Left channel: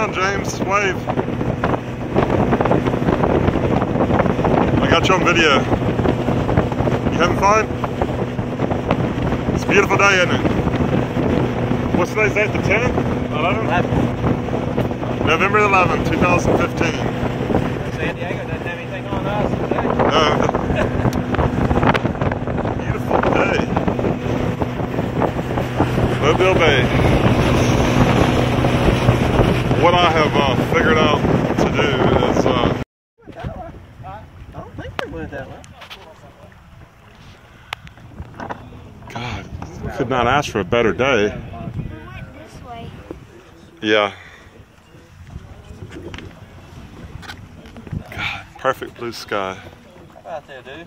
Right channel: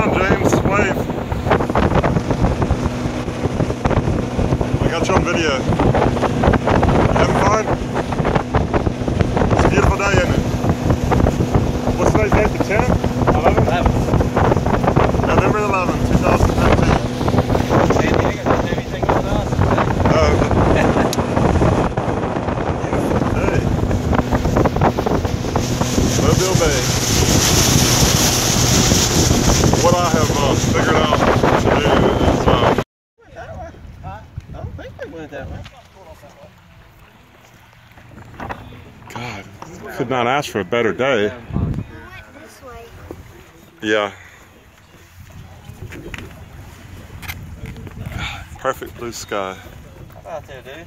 around, James. Wave. I got you on video. Having fun? It's a beautiful day, isn't it? What's today's date? The 10th? 11th? 11. November 11th, 2015. San Diego doesn't have anything on us. Beautiful day. Mobile Bay. What I have figured out to do is I don't think they went that way. God, could not ask for a better day. This way. Yeah. God, perfect blue sky. How about that, dude?